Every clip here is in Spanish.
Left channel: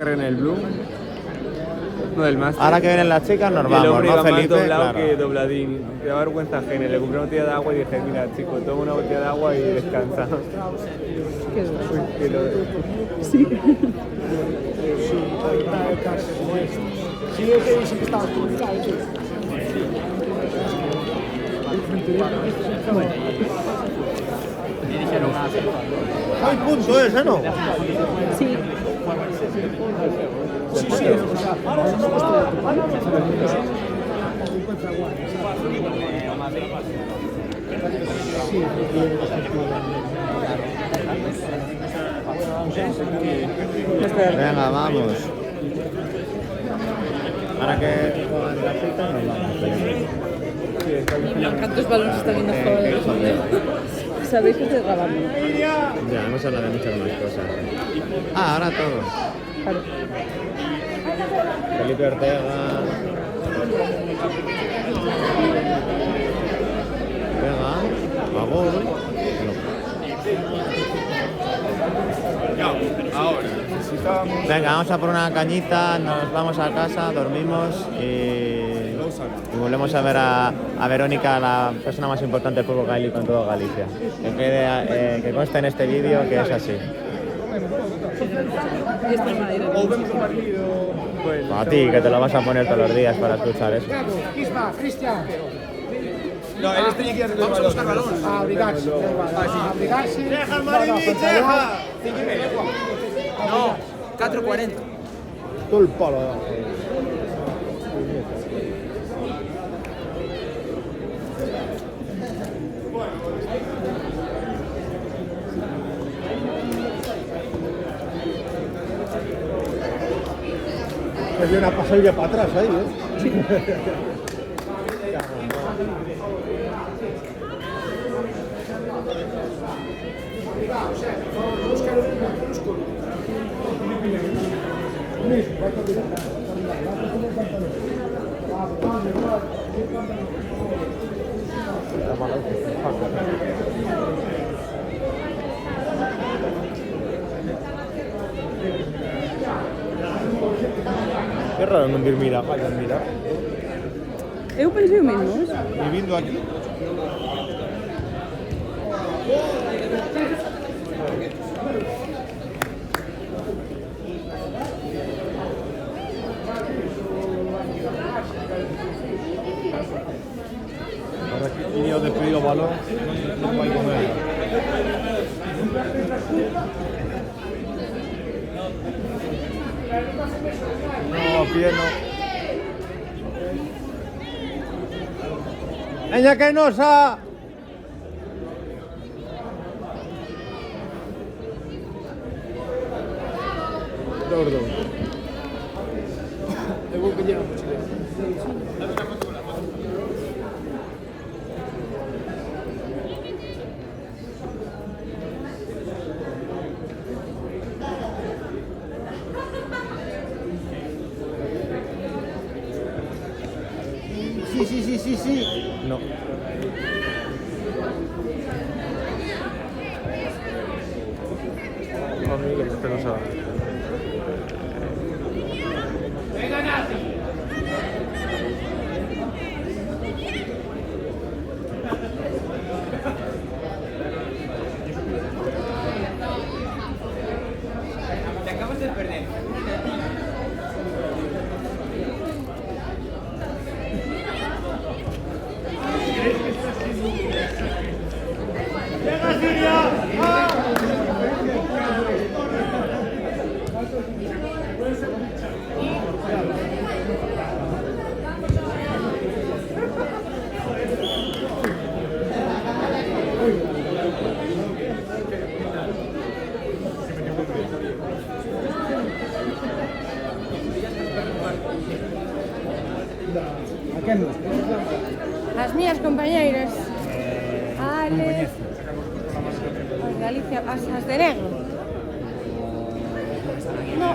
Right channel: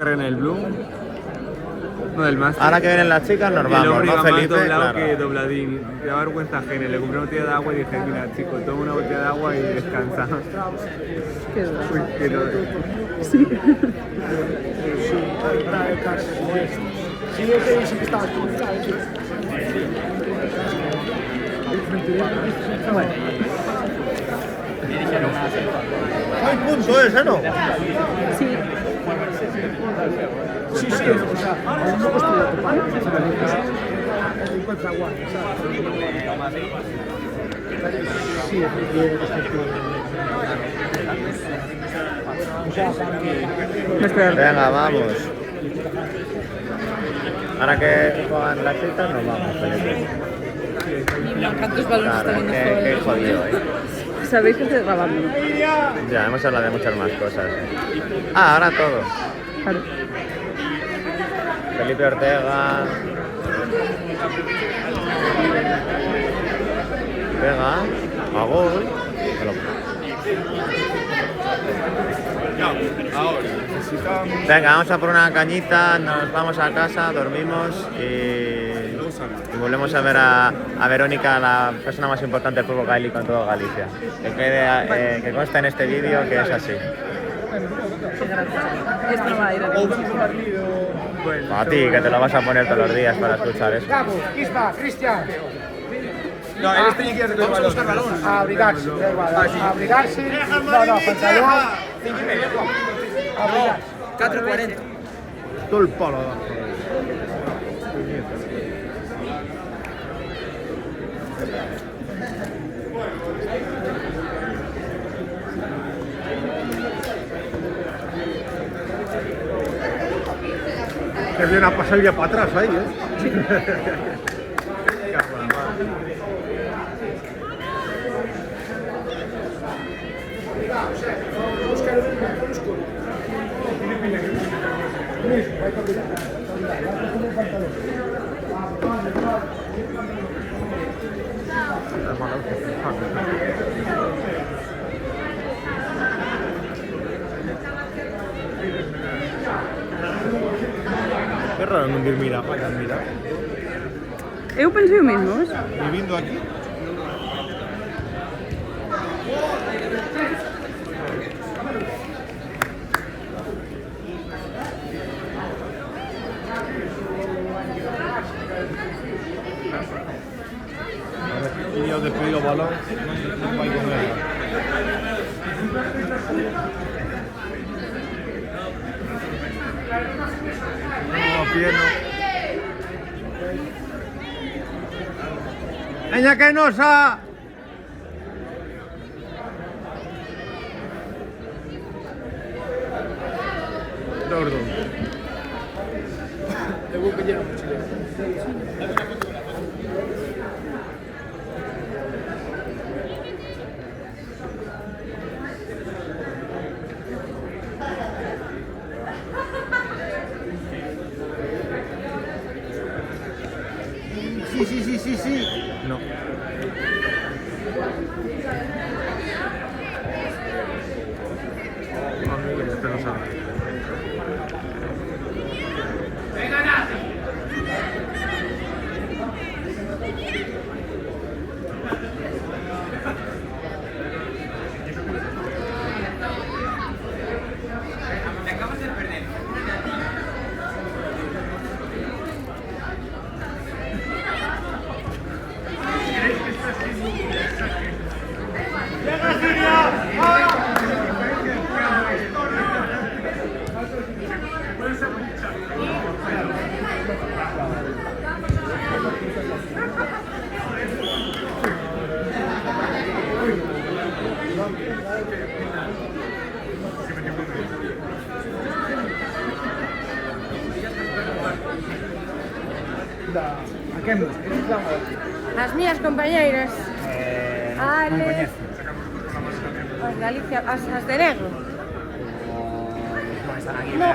En el Blue. No, el máster. Ahora que vienen las chicas nos vamos, ¿no, Felipe? Claro. Que dobladín. Te da vergüenza ajena. Le compré una botella de agua y dije, mira, chico, toma una botella de agua y descansa. Qué duro. Que no. Sí. Bueno. ¡Hay punto ese, no! Sí. Sí, sí, o sea, no construye tu padre, sí, Venga, vamos. Ahora que juegan las citas nos vamos, Felipe. ¿Cuántos balones Claro, tenemos qué todos? jodido, Sabéis que estoy grabando. Ya, hemos hablado de muchas más cosas. Ah, ahora todo. Claro. Felipe Ortega. Pega. A gol. No, ahora. Necesitamos. Venga, vamos a por una cañita, nos vamos a casa, dormimos y volvemos a ver a Verónica, la persona más importante del fútbol gaélico en toda Galicia. Que consta en este vídeo que es así. Esto va a ir a A ti, que te lo vas a poner todos los días para escuchar eso. Bravo, aquí está, Cristian. No, él tiene que ir a buscar balón. A abrigarse, da igual, a abrigarse. No, pantalón. 5:30. No, 4:40. Todo el palo. que viene a pasar ya para atrás ahí, ¿eh? Qué raro no ir mira, para mira. Eu pensei o mesmo, ¿ves? Viviendo aquí. Y yo despedido balón, no hay con él. ¡Ella que no sa! Gordo. Tengo que llevar Sí. No. ¿A quién? As miñas compañeiras. Ale. As de Galicia, as de negro. No.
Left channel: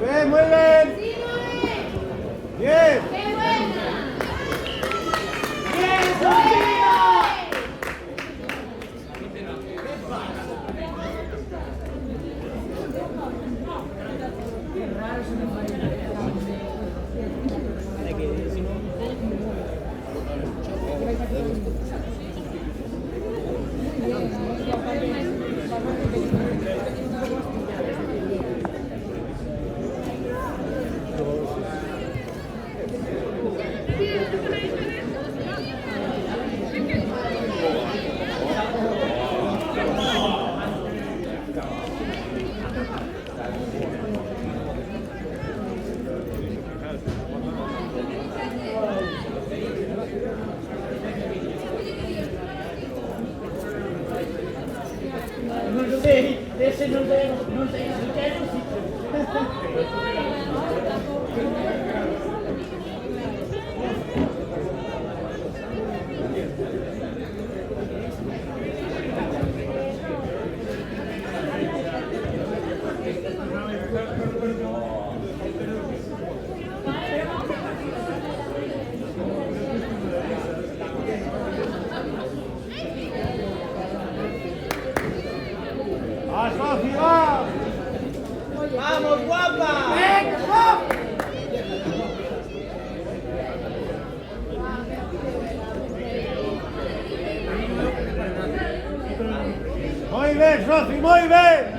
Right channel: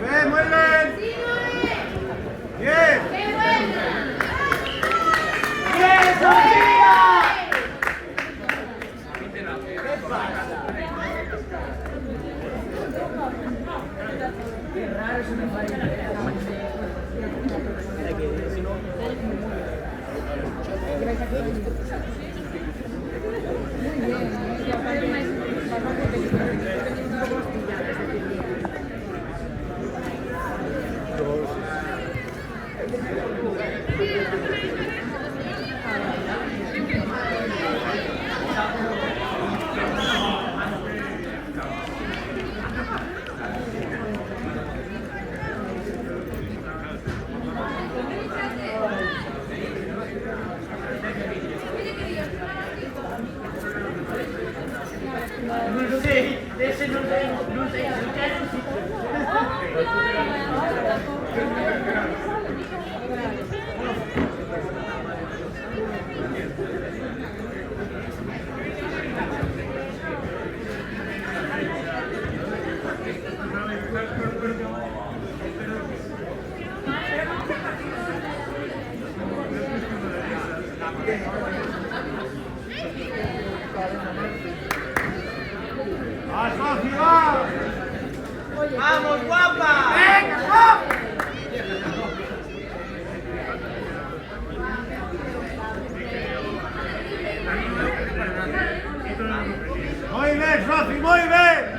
bien, muy bien. Bien. Muy bien, Sofi, muy bien.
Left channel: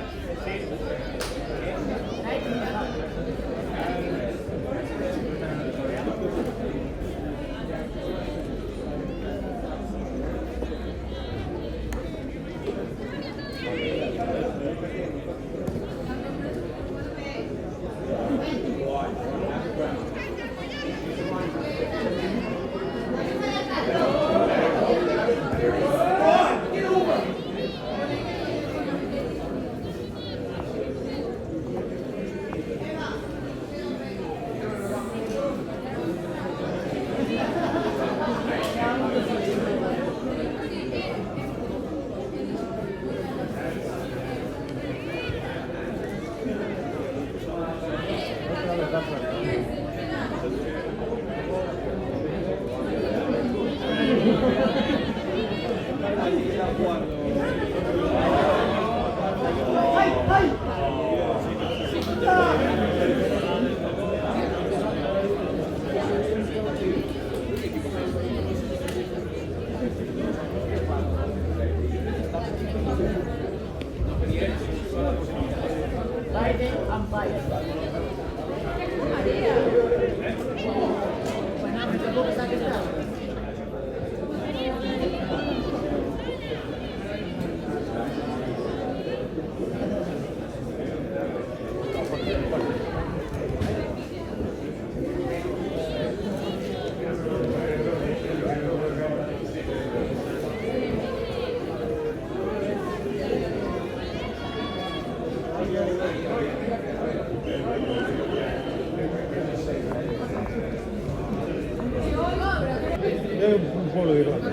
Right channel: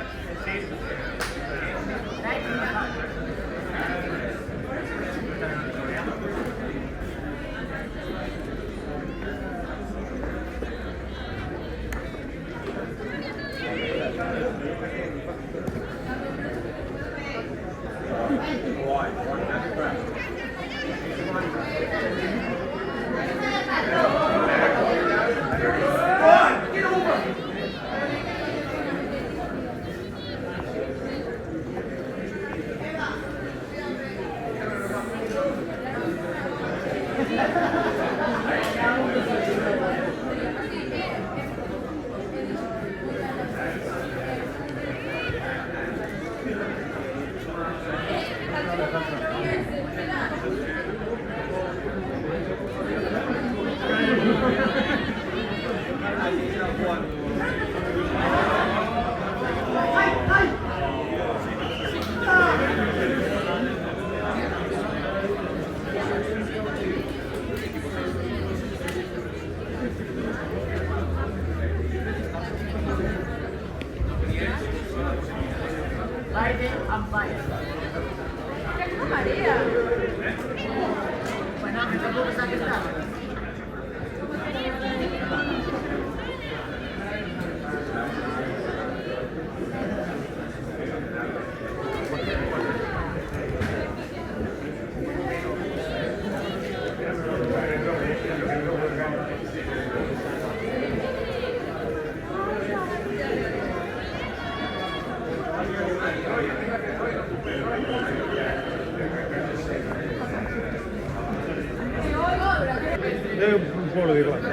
Un pueblo de Irlanda.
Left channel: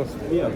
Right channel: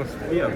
Hostia.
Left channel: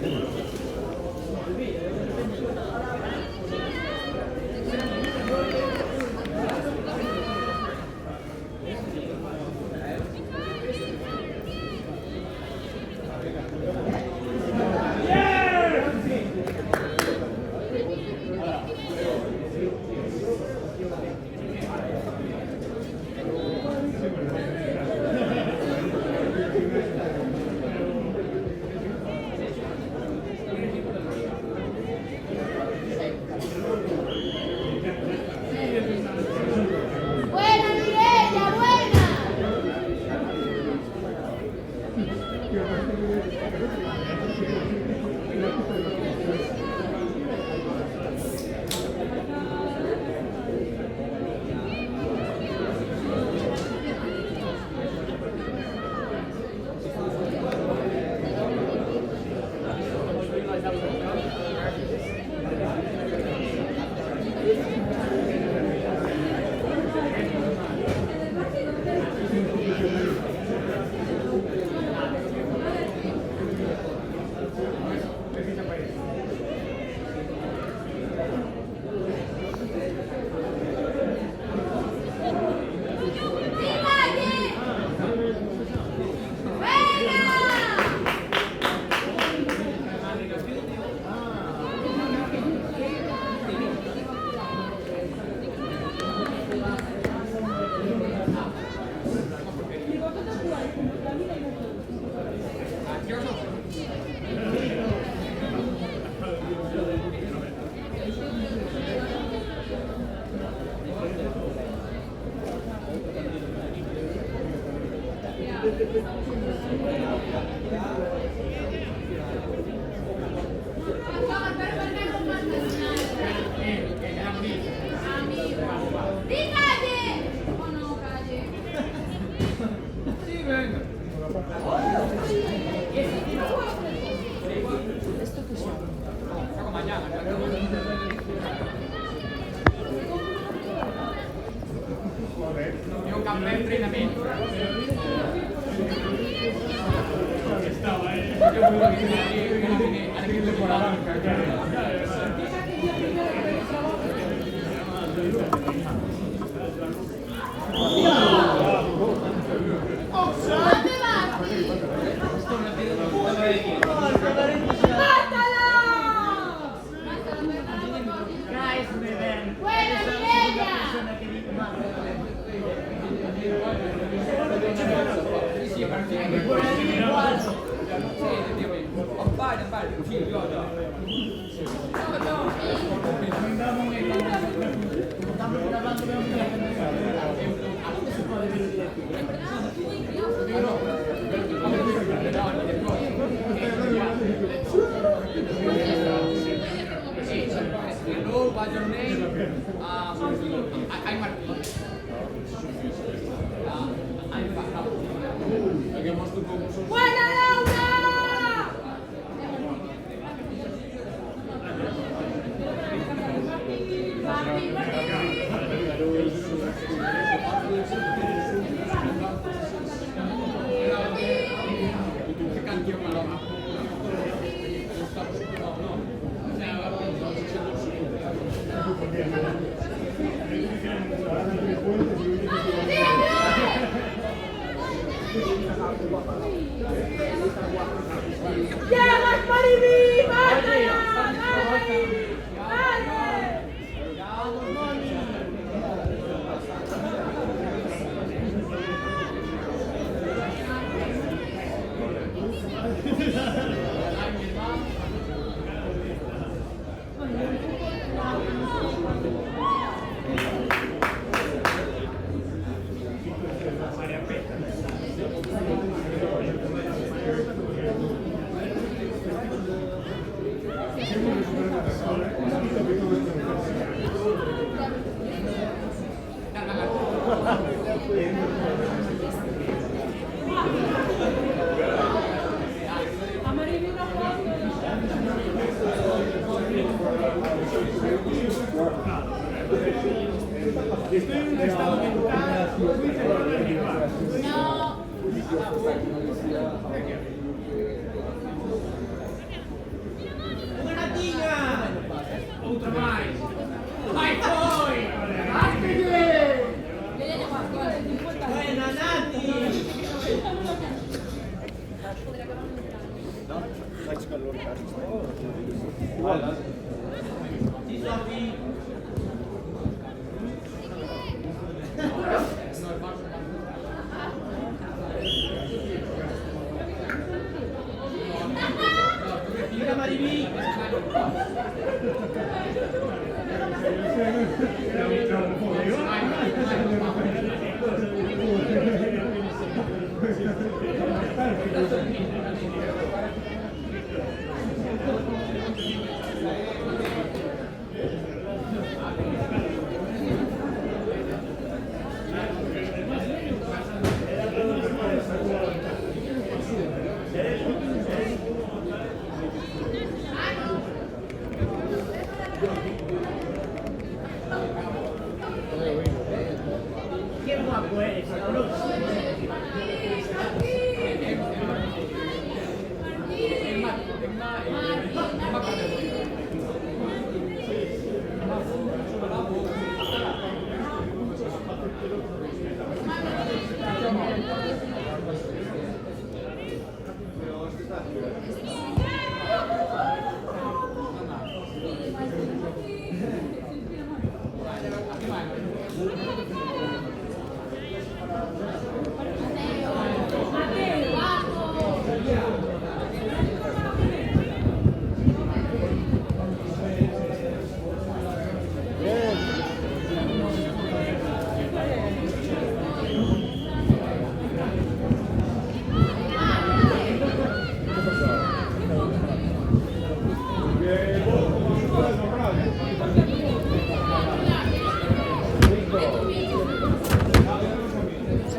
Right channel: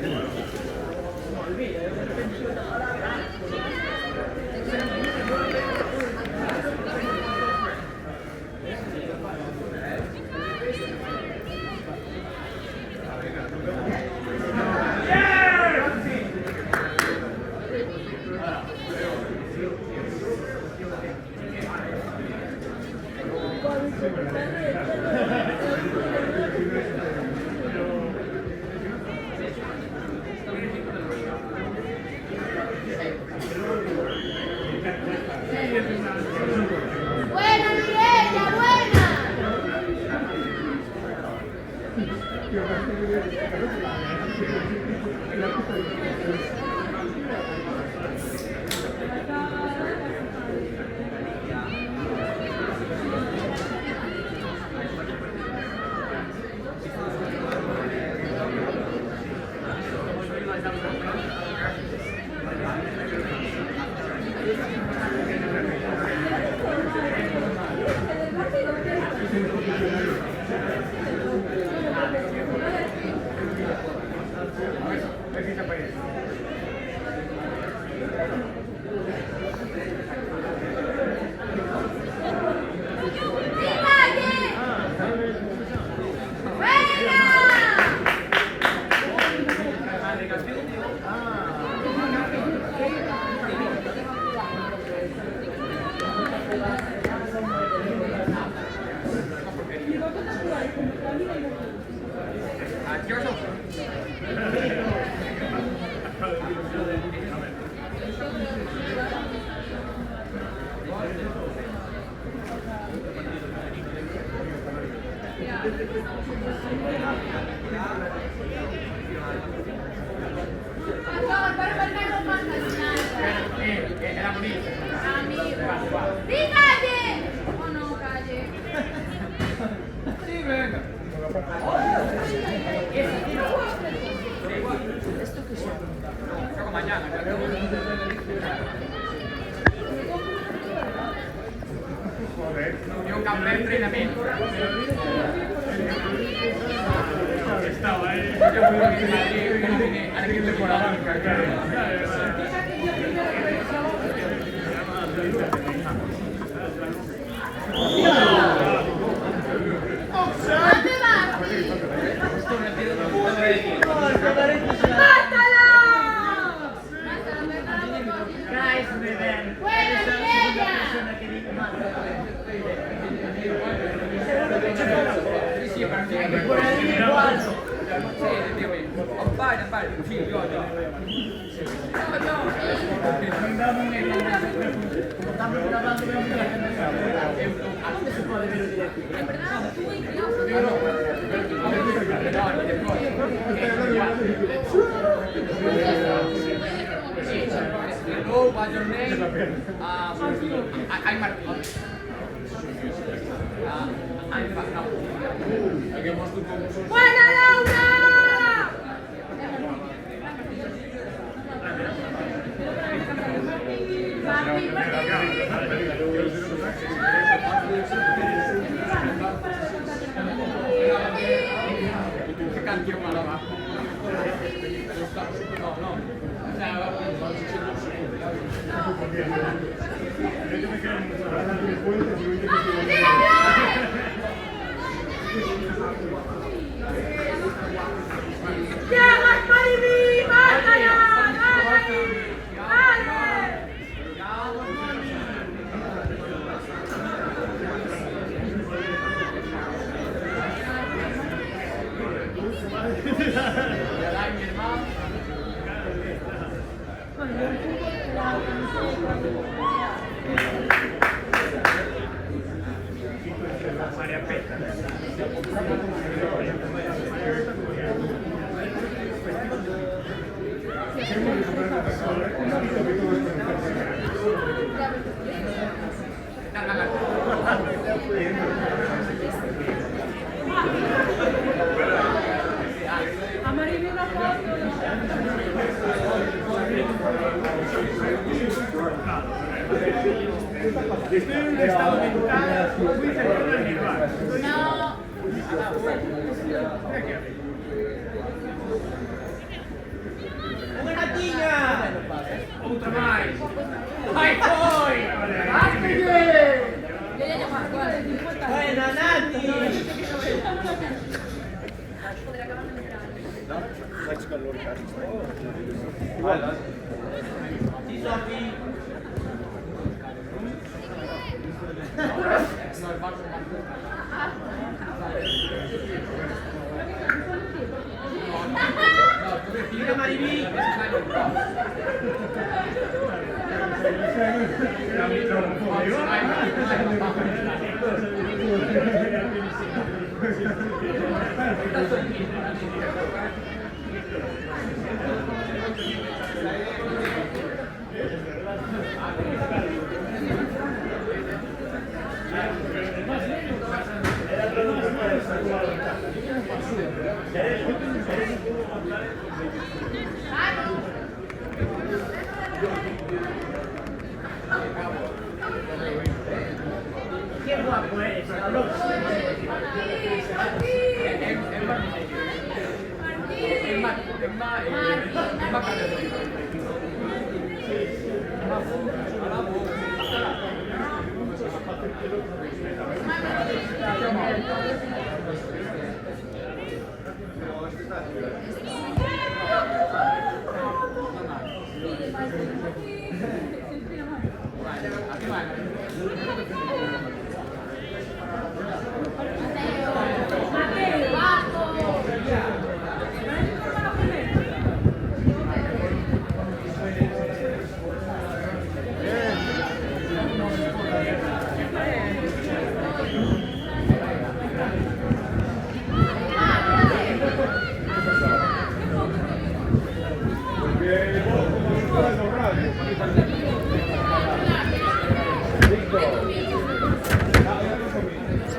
Mariví.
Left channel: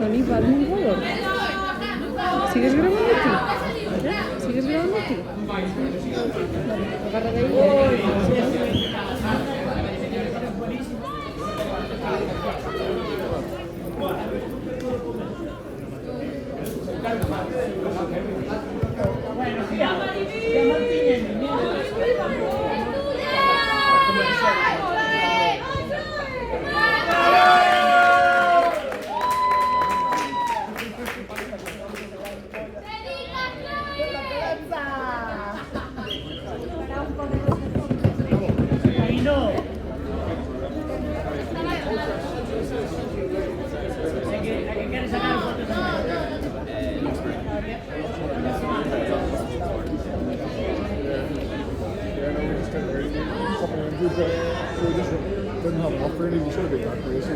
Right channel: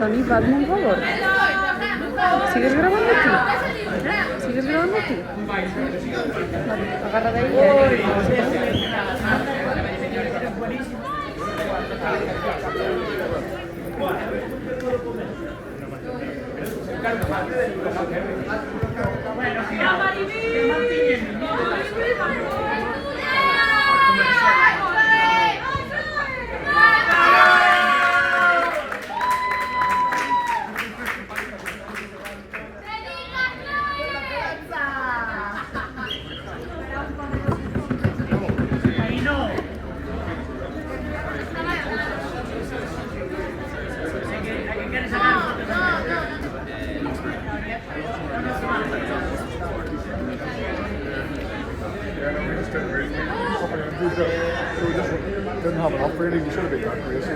Sony, hazme un favor. ¿Sigues grabando aquí? ¿Sigues grabando aquí? Vale, agarra de ahí. Doesn't have an offer any, we should have been that crazy.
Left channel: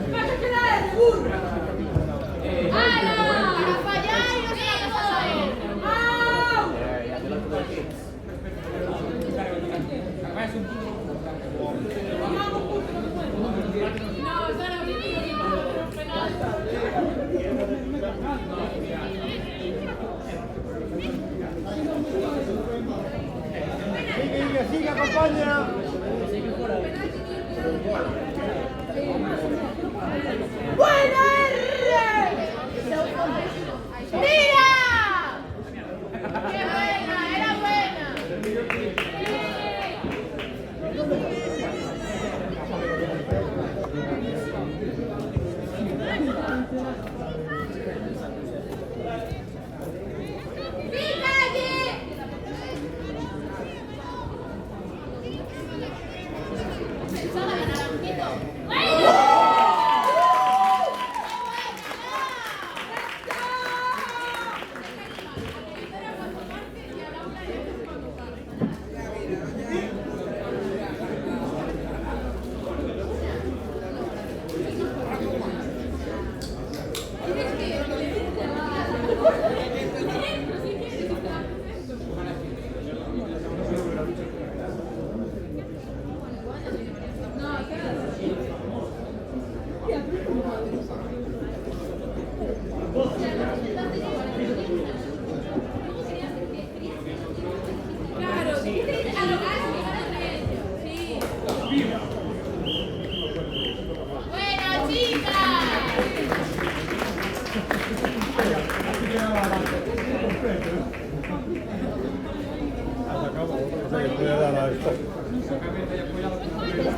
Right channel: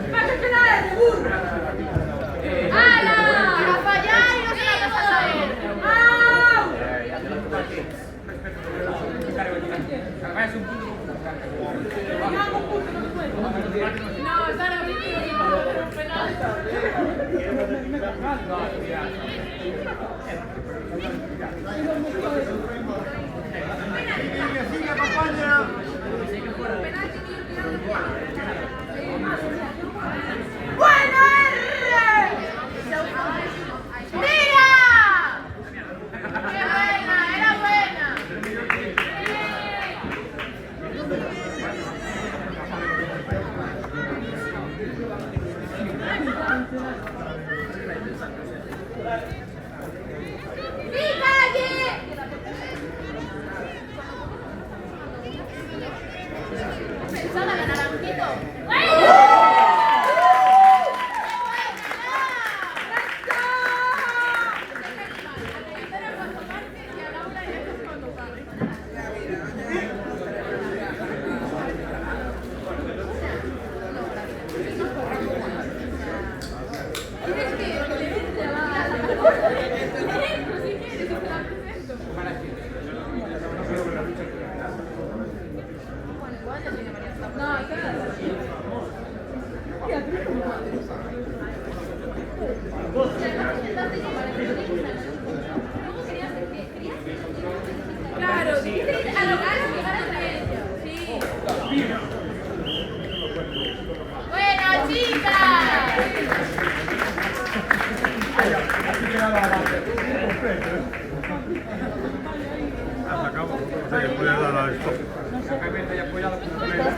O sea, que puede dar a esto.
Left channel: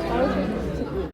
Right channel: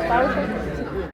Pausa.